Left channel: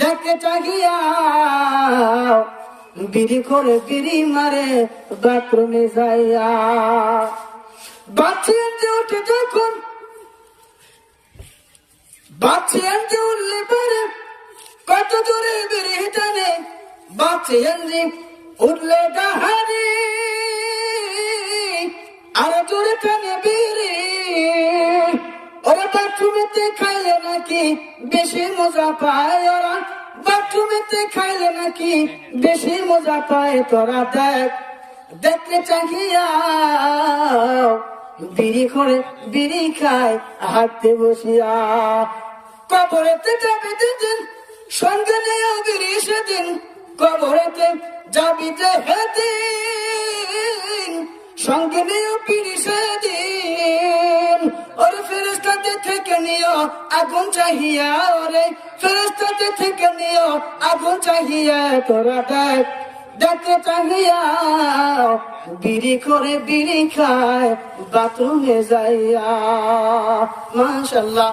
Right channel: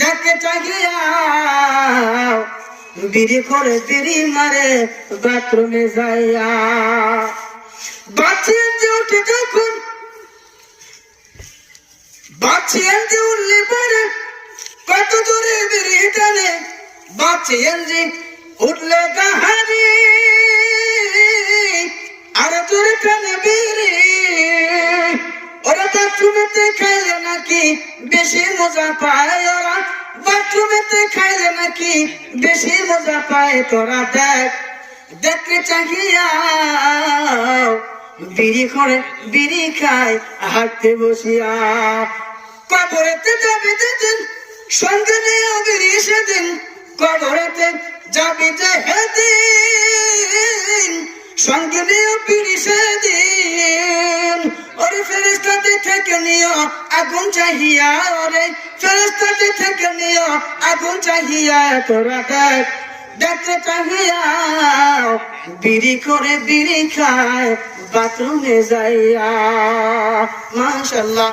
দেখে চাহিয়া বিড়ি করে বিড়ি মারে বাথরুমে যাইয়া। বাচ্চি এনতে উঠে যখন বাচ্চি এনতে উঠলে পরে কত দূরে বিড়ি টানে। বাচ্চি এনতে উঠলে গাহারি আর দূরে টানে বিড়ি। ওরা বাথরুমেতে খাইলে নাকি বেশি মজা পায়, ওরা বাথরুমেতে খাইলে নাকি বেশি মজা পায়। তোরা দেখ দেখে চাহিয়া বিড়ি করে বিড়ি খায় হাঁটতে বসিয়া। কবরেতে যাবি যেদিন সঙ্গে নিয়ে বিড়ি সেদিন, কবরেতে যাবি যে হেদিন সঙ্গে নিয়ে বিড়ি সেদিন। ওরে ফেরেশতাতে থেকে নিও আগুন চাহিয়া, ওরে ফেরেশতাতে থেকে নিও আগুন চাহিয়া। তোরা দেখ দেখতে চাহিয়া বিড়ি করে বিড়ি খায় বাথরুমে যাইয়া। মাশাআল্লাহ।